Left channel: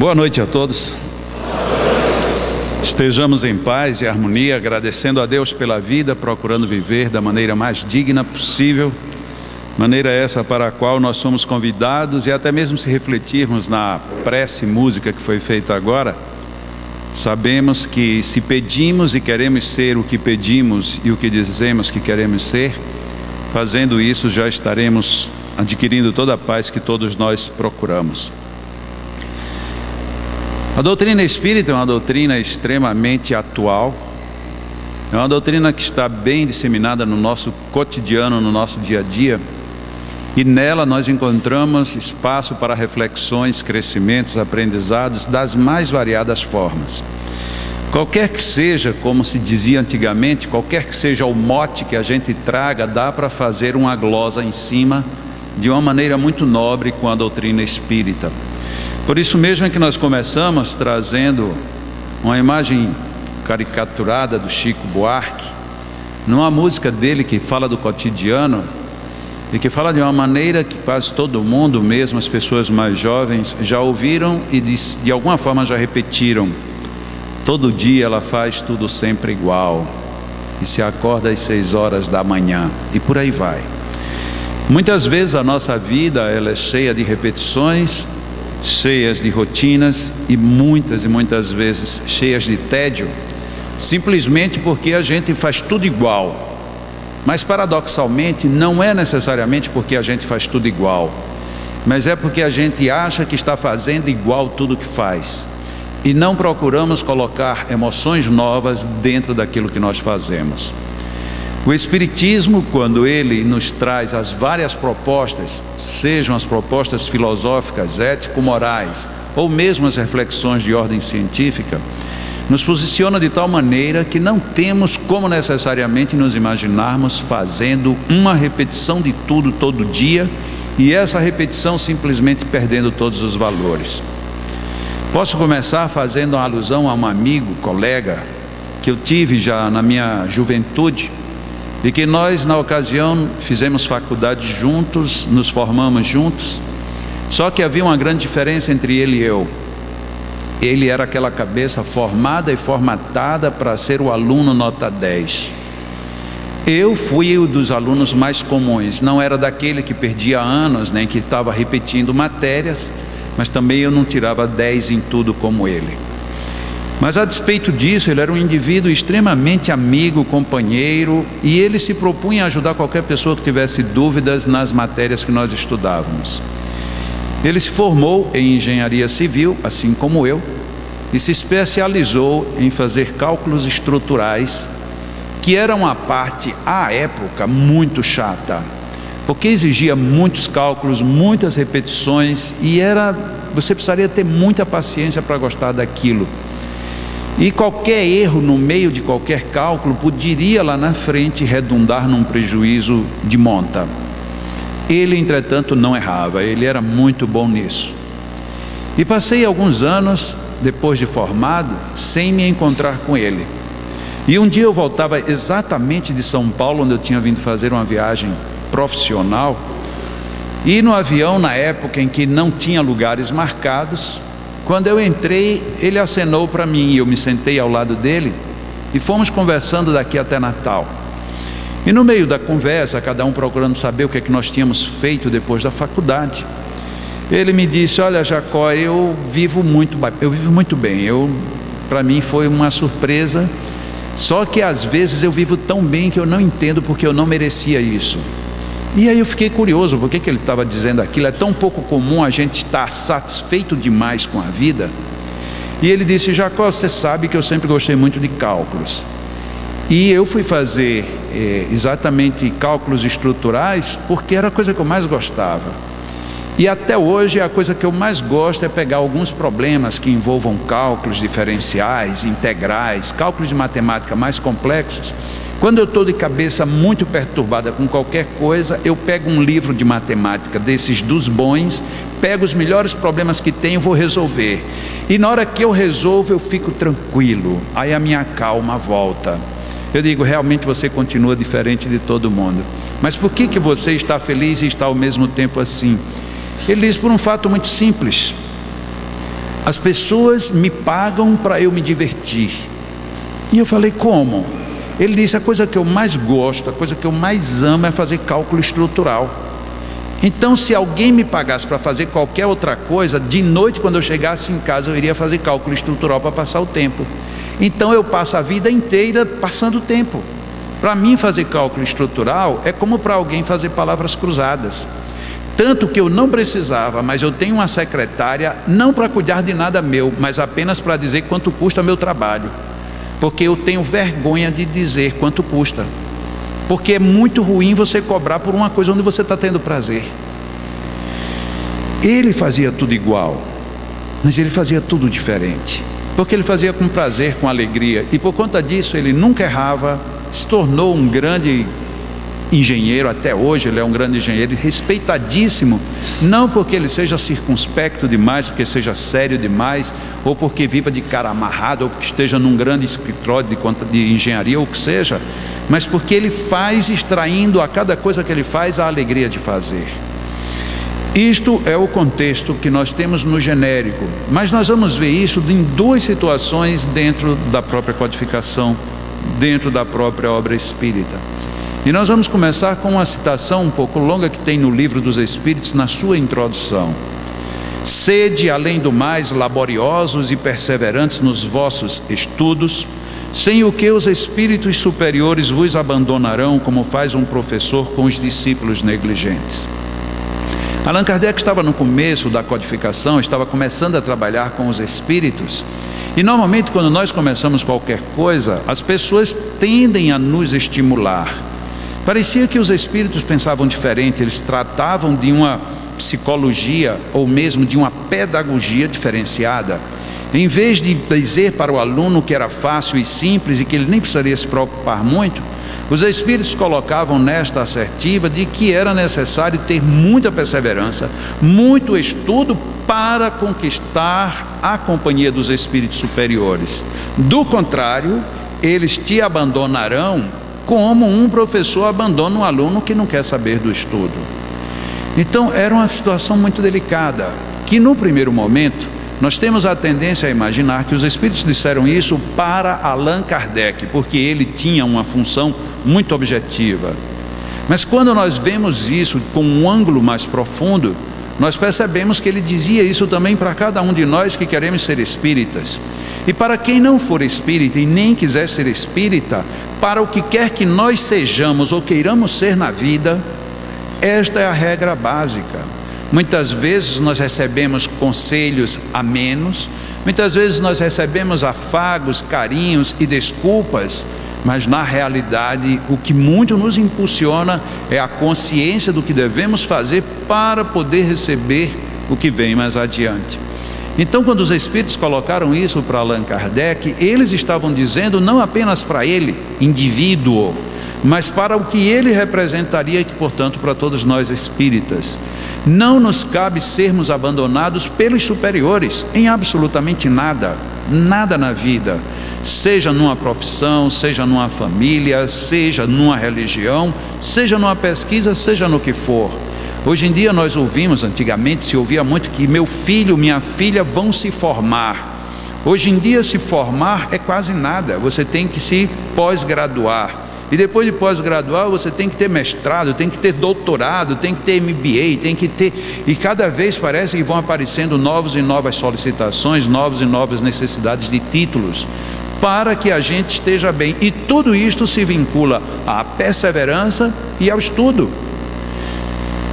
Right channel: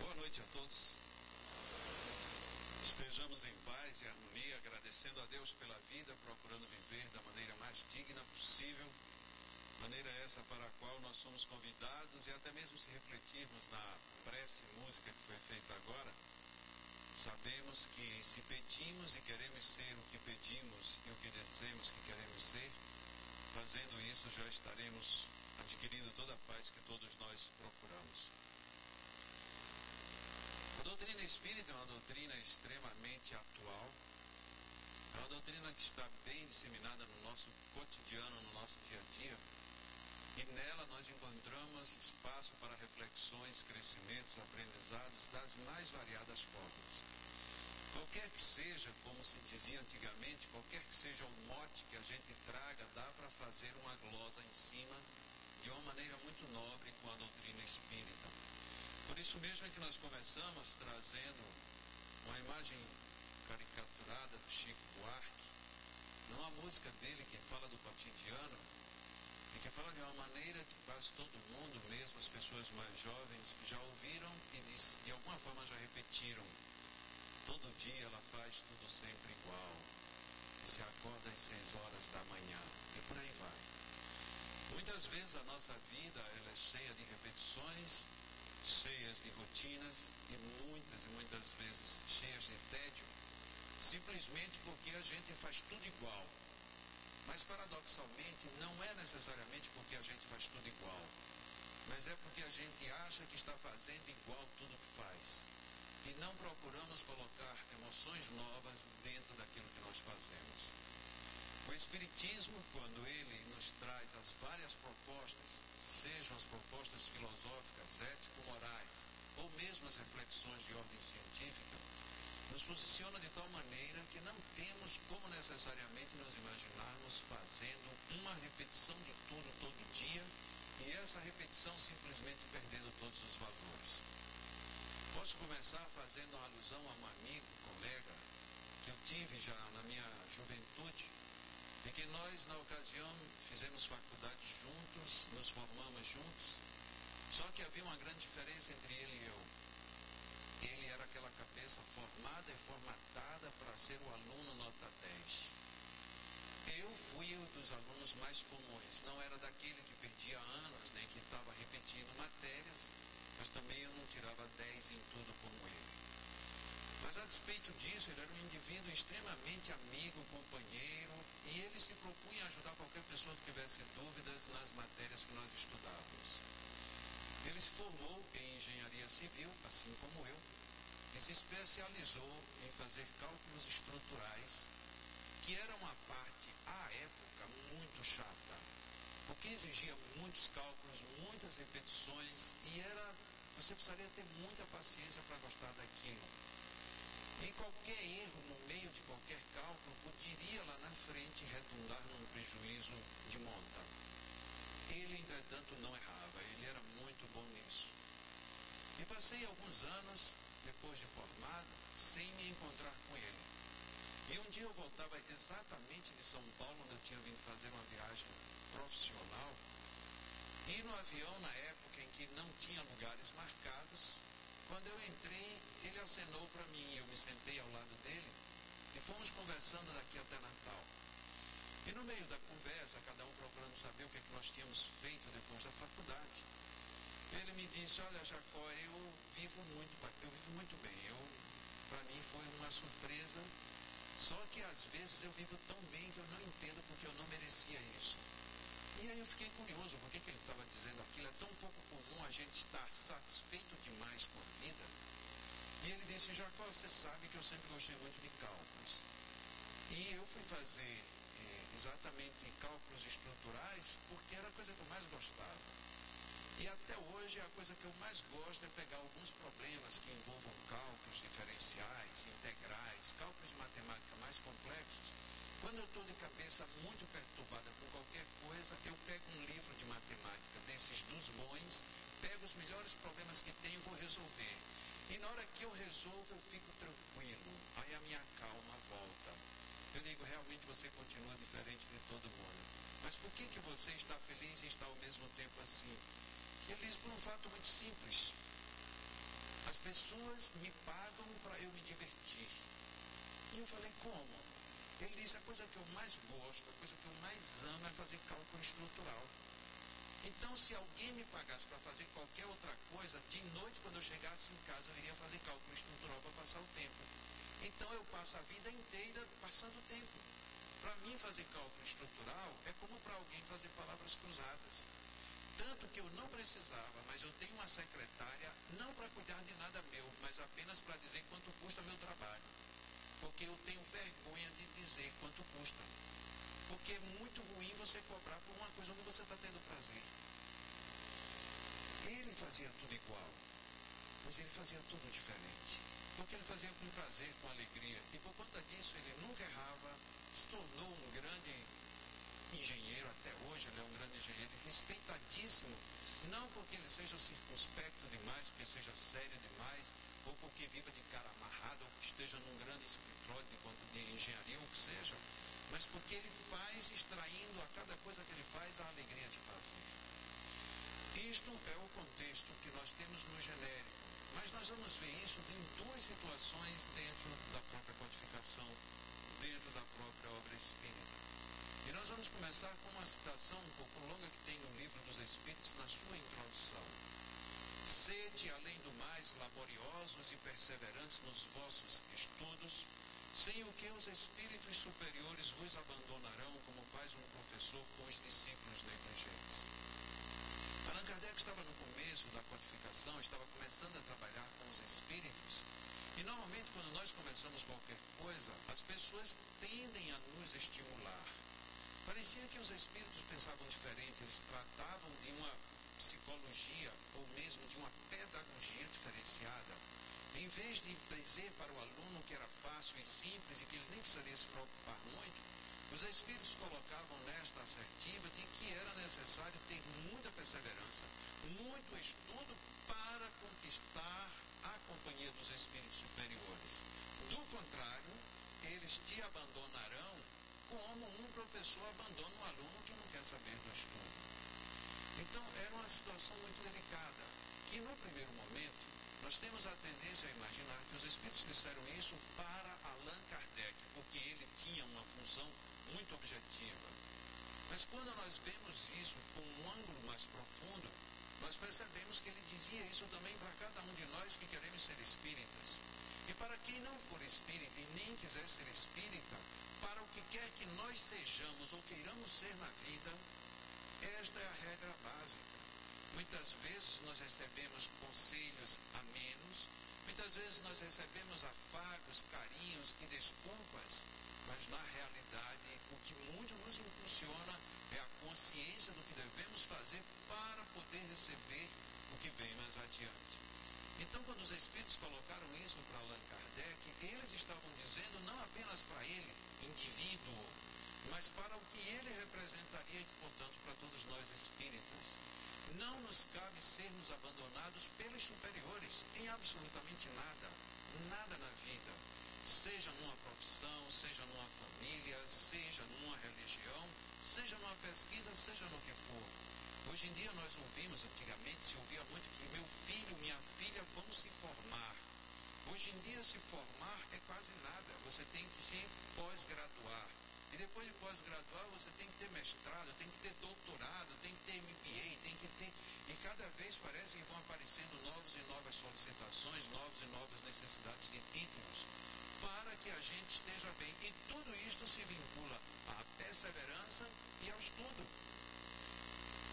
Boa noite a todos. Estejamos em paz e harmonia, agradecendo a Deus pela vida, procurando viver da maneira mais digna possível, maneira essa para a qual nós somos convidados, e até mesmo se refletirmos na prece música que foi feita agora, sabemos que se pedimos e queremos ser o que pedimos e o que dizemos que queremos ser, fazendo isso já estaremos adquirindo toda a paz que todos nós procuramos. A doutrina espírita é uma doutrina extremamente atual, é uma doutrina que está bem disseminada no nosso cotidiano, no nosso dia a dia, e nela nós encontramos espaço para reflexões, crescimentos, aprendizados das mais variadas formas. Qualquer que seja, como se dizia antigamente, qualquer que seja o mote que a gente traga, dá para fazer uma glosa em cima de uma maneira muito nobre com a doutrina espírita. Por isso mesmo é que nós começamos trazendo uma imagem caricaturada do Chico Buarque, numa música dele que fala do cotidiano e que fala de uma maneira que quase todo mundo, mesmo as pessoas mais jovens, já ouviram e de alguma forma já repetiram. Todo dia ela faz tudo sempre igual e se acorda às 6 horas da manhã e por aí vai. Muitas vezes a nossa vida ela é cheia de repetições, cheias de rotinas e muitas vezes cheias de tédio, simplesmente porque a gente faz tudo igual. Mas paradoxalmente não é necessariamente porque a gente faz tudo igual, mas é porque a gente acha que está fazendo igual tudo que faz e não procuramos colocar emoções novas dentro daquilo que nós fazemos. O Espiritismo, quando ele nos traz as várias propostas, sejam as propostas filosóficas, ético-morais, ou mesmo as reflexões de ordem científica, nos posiciona de tal maneira que não temos como necessariamente nos imaginarmos fazendo uma repetição de tudo todo dia, e essa repetição simplesmente perdendo todos os valores. Posso começar fazendo uma alusão a um amigo, colega, que eu tive já na minha juventude, e que nós na ocasião fizemos faculdade juntos, nos formamos juntos, só que havia uma grande diferença entre ele e eu. Ele era aquela cabeça formada e formatada para ser o aluno nota 10. Eu fui o dos alunos mais comuns, não era daquele que perdia anos, nem que estava repetindo matérias, mas também eu não tirava 10 em tudo como ele. Mas a despeito disso, ele era um indivíduo extremamente amigo, companheiro, e ele se propunha a ajudar qualquer pessoa que tivesse dúvidas nas matérias que nós estudávamos. Ele se formou em engenharia civil, assim como eu, e se especializou em fazer cálculos estruturais, que era uma parte, à época, muito chata, porque exigia muitos cálculos, muitas repetições, e você precisaria ter muita paciência para gostar daquilo. E qualquer erro no meio de qualquer cálculo poderia lá na frente redundar num prejuízo de monta. Ele, entretanto, não errava, ele era muito bom nisso. E passei alguns anos, depois de formado, sem me encontrar com ele. E um dia eu voltava exatamente de São Paulo, onde eu tinha vindo fazer uma viagem profissional, e no avião, na época em que não tinha lugares marcados, quando eu entrei, ele acenou para mim e eu me sentei ao lado dele e fomos conversando daqui até Natal. E no meio da conversa, cada um procurando saber o que é que nós tínhamos feito depois da faculdade, ele me disse: olha, Jacó, eu vivo muito bem, para mim foi uma surpresa, só que às vezes eu vivo tão bem que eu não entendo porque eu não merecia isso. E aí eu fiquei curioso, por que ele estava dizendo aquilo? É tão pouco comum a gente estar satisfeito demais com a vida. E ele disse: Jacó, você sabe que eu sempre gostei muito de cálculos. E eu fui fazer exatamente cálculos estruturais porque era a coisa que eu mais gostava. E até hoje a coisa que eu mais gosto é pegar alguns problemas que envolvam cálculos diferenciais, integrais, cálculos de matemática mais complexos. Quando eu estou de cabeça muito perturbada com qualquer coisa, eu pego um livro de matemática desses dos bons, pego os melhores problemas que tenho e vou resolver. E na hora que eu resolvo, eu fico tranquilo, aí a minha calma volta. Eu digo: realmente você continua diferente de todo mundo. Mas por que você está feliz e está ao mesmo tempo assim? Ele diz: por um fato muito simples. As pessoas me pagam para eu me divertir. E eu falei, como? Ele disse, a coisa que eu mais gosto, a coisa que eu mais amo é fazer cálculo estrutural. Então, se alguém me pagasse para fazer qualquer outra coisa, de noite, quando eu chegasse em casa, eu iria fazer cálculo estrutural para passar o tempo. Então, eu passo a vida inteira passando tempo. Para mim, fazer cálculo estrutural é como para alguém fazer palavras cruzadas. Tanto que eu não precisava, mas eu tenho uma secretária, não para cuidar de nada meu, mas apenas para dizer quanto custa meu trabalho. Porque eu tenho vergonha de dizer quanto custa. Porque é muito ruim você cobrar por uma coisa onde você está tendo prazer. Ele fazia tudo igual, mas ele fazia tudo diferente. Porque ele fazia com prazer, com alegria. E por conta disso ele nunca errava, se tornou um grande engenheiro, até hoje ele é um grande engenheiro, respeitadíssimo, não porque ele seja circunspecto demais, porque seja sério demais, ou porque viva de cara amarrado, ou porque esteja num grande escritório de engenharia, ou o que seja, mas porque ele faz, extraindo a cada coisa que ele faz a alegria de fazer. Isto é o contexto que nós temos no genérico, mas nós vamos ver isso em duas situações dentro da própria codificação, dentro da própria obra espírita. E nós vamos começar com uma citação um pouco longa que tem no Livro dos Espíritos, na sua introdução. Sede, além do mais, laboriosos e perseverantes nos vossos estudos, sem o que os espíritos superiores vos abandonarão, como faz um professor com os discípulos negligentes. Allan Kardec estava no começo da codificação, estava começando a trabalhar com os espíritos, e normalmente quando nós começamos qualquer coisa, as pessoas tendem a nos estimular. Parecia que os espíritos pensavam diferente, eles tratavam de uma psicologia ou mesmo de uma pedagogia diferenciada. Em vez de dizer para o aluno que era fácil e simples e que ele nem precisaria se preocupar muito, os espíritos colocavam nesta assertiva de que era necessário ter muita perseverança, muito estudo para conquistar a companhia dos espíritos superiores. Do contrário, eles te abandonarão como um professor abandona um aluno que não quer saber do estudo. Então era uma situação muito delicada, que no primeiro momento nós temos a tendência a imaginar que os espíritos disseram isso para Allan Kardec, porque ele tinha uma função muito objetiva. Mas quando nós vemos isso com um ângulo mais profundo, nós percebemos que ele dizia isso também para cada um de nós que queremos ser espíritas. E para quem não for espírita e nem quiser ser espírita, para o que quer que nós sejamos ou queiramos ser na vida, esta é a regra básica. Muitas vezes nós recebemos conselhos amenos, muitas vezes nós recebemos afagos, carinhos e desculpas, mas na realidade o que muito nos impulsiona é a consciência do que devemos fazer para poder receber o que vem mais adiante. Então, quando os espíritos colocaram isso para Allan Kardec, eles estavam dizendo não apenas para ele, indivíduo, mas para o que ele representaria e que, portanto, para todos nós espíritas. Não nos cabe sermos abandonados pelos superiores em absolutamente nada, nada na vida, seja numa profissão, seja numa família, seja numa religião, seja numa pesquisa, seja no que for. Hoje em dia nós ouvimos, antigamente se ouvia muito que meu filho, minha filha vão se formar. Hoje em dia se formar é quase nada, você tem que se pós-graduar. E depois de pós-graduar você tem que ter mestrado, tem que ter doutorado, tem que ter MBA, tem que ter... E cada vez parece que vão aparecendo novos e novas solicitações, novas e novas necessidades de títulos, para que a gente esteja bem. E tudo isto se vincula à perseverança e ao estudo.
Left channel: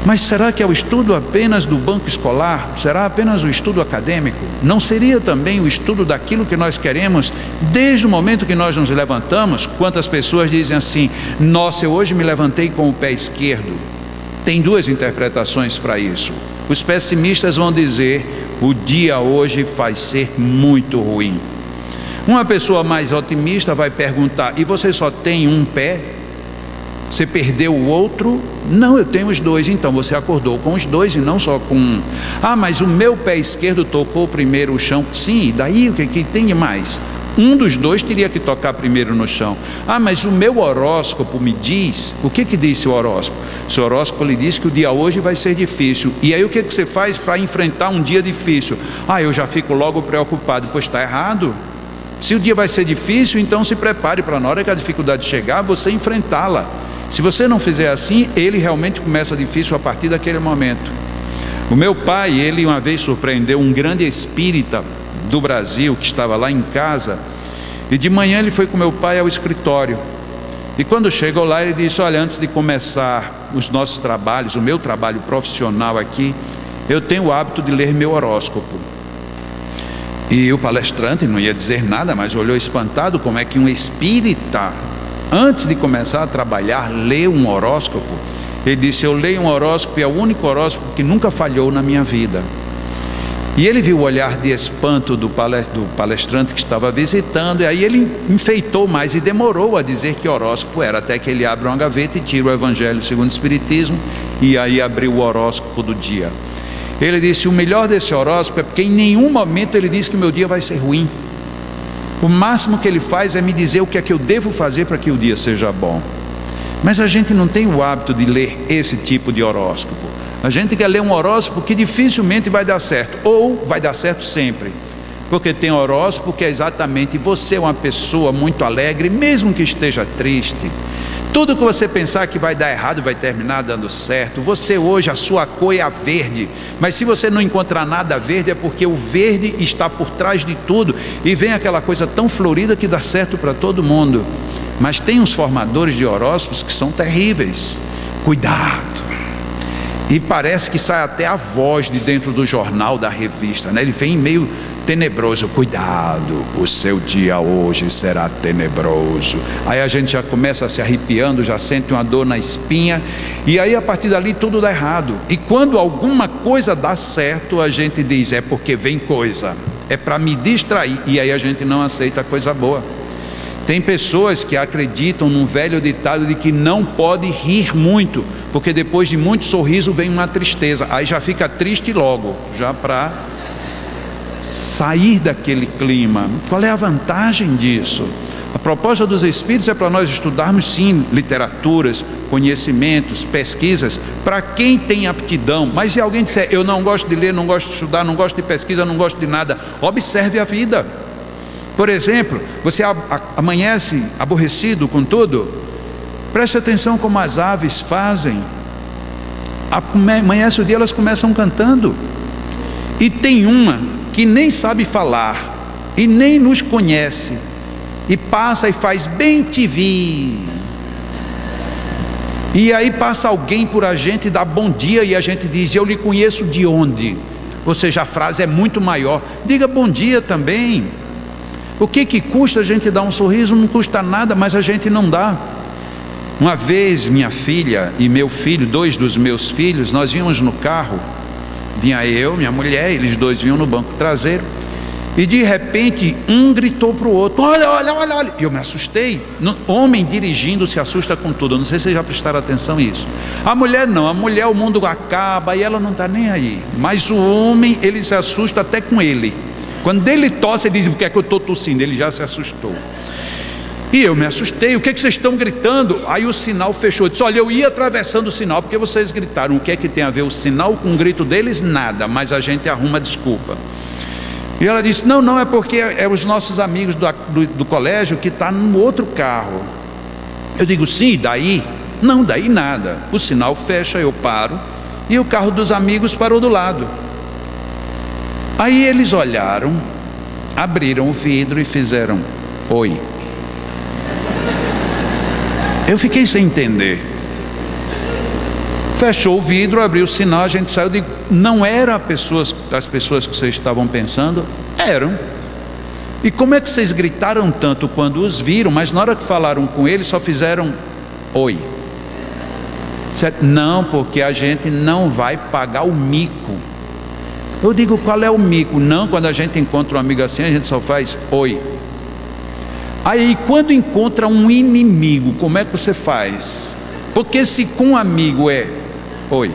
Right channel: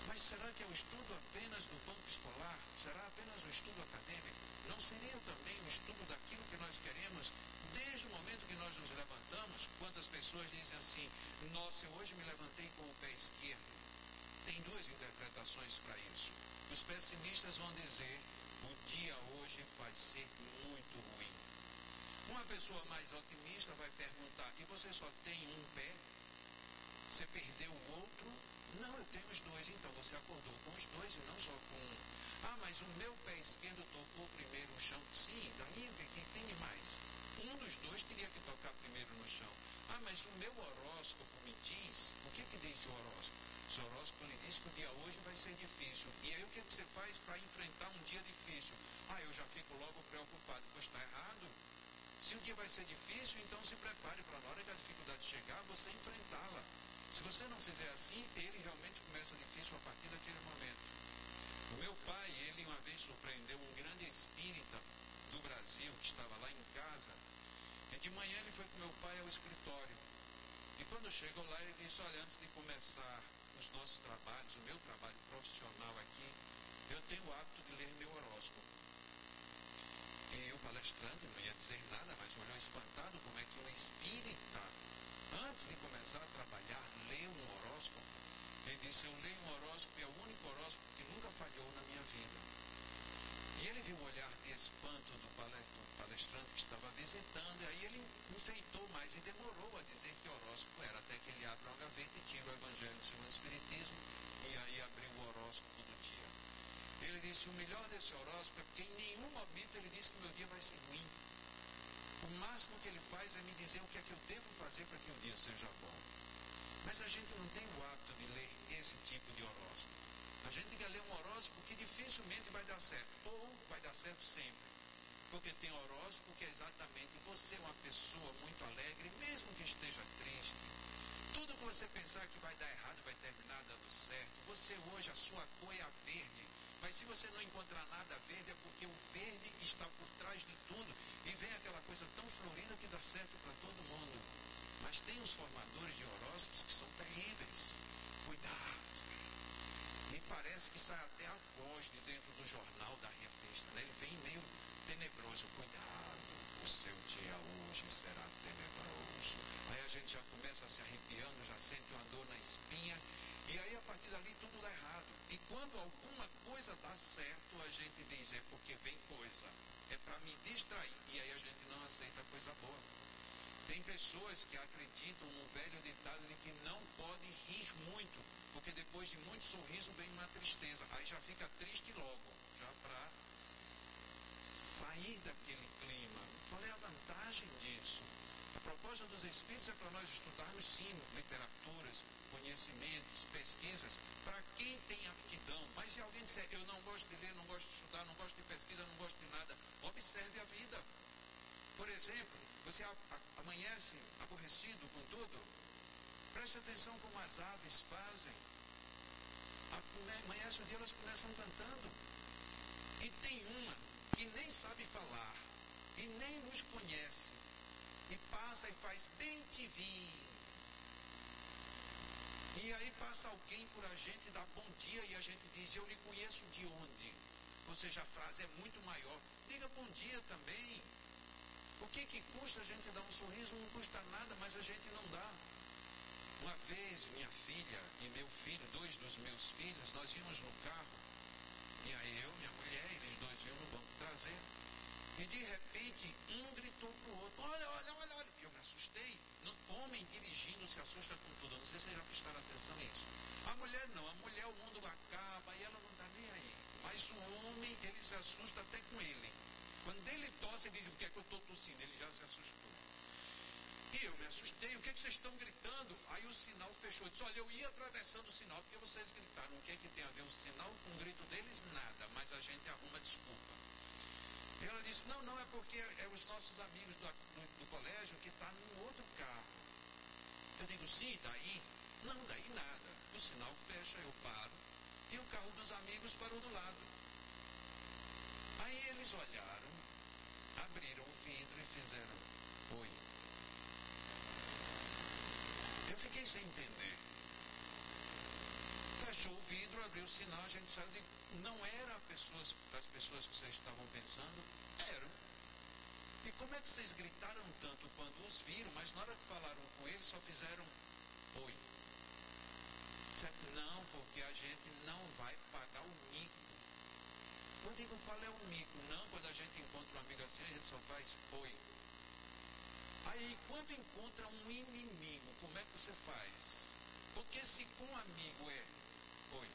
Mas será que é o estudo apenas do banco escolar? Será apenas o estudo acadêmico? Não seria também o estudo daquilo que nós queremos desde o momento que nós nos levantamos? Quantas pessoas dizem assim: nossa, eu hoje me levantei com o pé esquerdo. Tem duas interpretações para isso. Os pessimistas vão dizer: o dia hoje vai ser muito ruim. Uma pessoa mais otimista vai perguntar: e você só tem um pé? Você perdeu o outro? Não, eu tenho os dois. Então você acordou com os dois e não só com um. Ah, mas o meu pé esquerdo tocou primeiro o chão. Sim, e daí o que tem de mais? Um dos dois teria que tocar primeiro no chão. Ah, mas o meu horóscopo me diz. O que disse o horóscopo? Seu horóscopo lhe diz que o dia hoje vai ser difícil. E aí o que você faz para enfrentar um dia difícil? Ah, eu já fico logo preocupado. Pois está errado. Se o dia vai ser difícil, então se prepare para na hora que a dificuldade chegar, você enfrentá-la. Se você não fizer assim, ele realmente começa difícil a partir daquele momento. O meu pai, ele uma vez surpreendeu um grande espírita do Brasil que estava lá em casa, e de manhã ele foi com meu pai ao escritório, e quando chegou lá ele disse: olha, antes de começar os nossos trabalhos, o meu trabalho profissional aqui, eu tenho o hábito de ler meu horóscopo. E o palestrante não ia dizer nada, mas olhou espantado, como é que um espírita, antes de começar a trabalhar, lê um horóscopo? Ele disse: eu leio um horóscopo e é o único horóscopo que nunca falhou na minha vida. E ele viu o olhar de espanto do palestrante que estava visitando, e aí ele enfeitou mais e demorou a dizer que horóscopo era, até que ele abre uma gaveta e tira o Evangelho segundo o Espiritismo, e aí abriu o horóscopo do dia. Ele disse: o melhor desse horóscopo é porque em nenhum momento ele diz que o meu dia vai ser ruim. O máximo que ele faz é me dizer o que é que eu devo fazer para que o dia seja bom. Mas a gente não tem o hábito de ler esse tipo de horóscopo. A gente quer ler um horóscopo que dificilmente vai dar certo, ou vai dar certo sempre, porque tem horóscopo que é exatamente: você é uma pessoa muito alegre, mesmo que esteja triste. Tudo que você pensar que vai dar errado vai terminar dando certo. Você hoje, a sua cor é a verde, mas se você não encontrar nada verde, é porque o verde está por trás de tudo, e vem aquela coisa tão florida que dá certo para todo mundo. Mas tem uns formadores de horóscopos que são terríveis. Cuidado! E parece que sai até a voz de dentro do jornal, da revista, né? Ele vem meio tenebroso: cuidado, o seu dia hoje será tenebroso. Aí a gente já começa se arrepiando, já sente uma dor na espinha, e aí a partir dali tudo dá errado. E quando alguma coisa dá certo, a gente diz: é porque vem coisa, é para me distrair, e aí a gente não aceita a coisa boa. Tem pessoas que acreditam num velho ditado de que não pode rir muito, porque depois de muito sorriso vem uma tristeza, aí já fica triste logo, já para sair daquele clima. Qual é a vantagem disso? A proposta dos Espíritos é para nós estudarmos sim literaturas, conhecimentos, pesquisas, para quem tem aptidão. Mas se alguém disser: eu não gosto de ler, não gosto de estudar, não gosto de pesquisa, não gosto de nada, observe a vida. Por exemplo, você amanhece aborrecido com tudo? Preste atenção como as aves fazem. Amanhece o dia, elas começam cantando. E tem uma que nem sabe falar e nem nos conhece, e passa e faz bem te vi. E aí passa alguém por a gente e dá bom dia, e a gente diz: eu lhe conheço de onde? Ou seja, a frase é muito maior. Diga bom dia também. O que custa a gente dar um sorriso? Não custa nada, mas a gente não dá. Uma vez minha filha e meu filho, dois dos meus filhos, nós vínhamos no carro, vinha eu, minha mulher, eles dois vinham no banco traseiro, e de repente um gritou para o outro: olha, olha, olha, olha. E eu me assustei. Homem dirigindo se assusta com tudo. Eu não sei se vocês já prestaram atenção nisso. A mulher não, a mulher o mundo acaba e ela não está nem aí. Mas o homem, ele se assusta até com ele. Quando ele tosse, ele diz: por que é que eu estou tossindo? Ele já se assustou. E eu me assustei: o que é que vocês estão gritando? Aí o sinal fechou. Eu disse: olha, eu ia atravessando o sinal porque vocês gritaram. O que é que tem a ver o sinal com o grito deles? Nada, mas a gente arruma desculpa. E ela disse: não, não, é porque é os nossos amigos do colégio que estão no outro carro. Eu digo: sim, daí? Não, daí nada. O sinal fecha, eu paro, e o carro dos amigos parou do lado. Aí eles olharam, abriram o vidro e fizeram: oi. Eu fiquei sem entender. Fechou o vidro, abriu o sinal, a gente saiu. Eu digo: não eram as pessoas que vocês estavam pensando? Eram. E como é que vocês gritaram tanto quando os viram, mas na hora que falaram com eles só fizeram oi? Certo? Não, porque a gente não vai pagar o mico. Eu digo: qual é o mico? Não, quando a gente encontra um amigo assim, a gente só faz oi. Aí quando encontra um inimigo, como é que você faz? Porque se com um amigo é oi,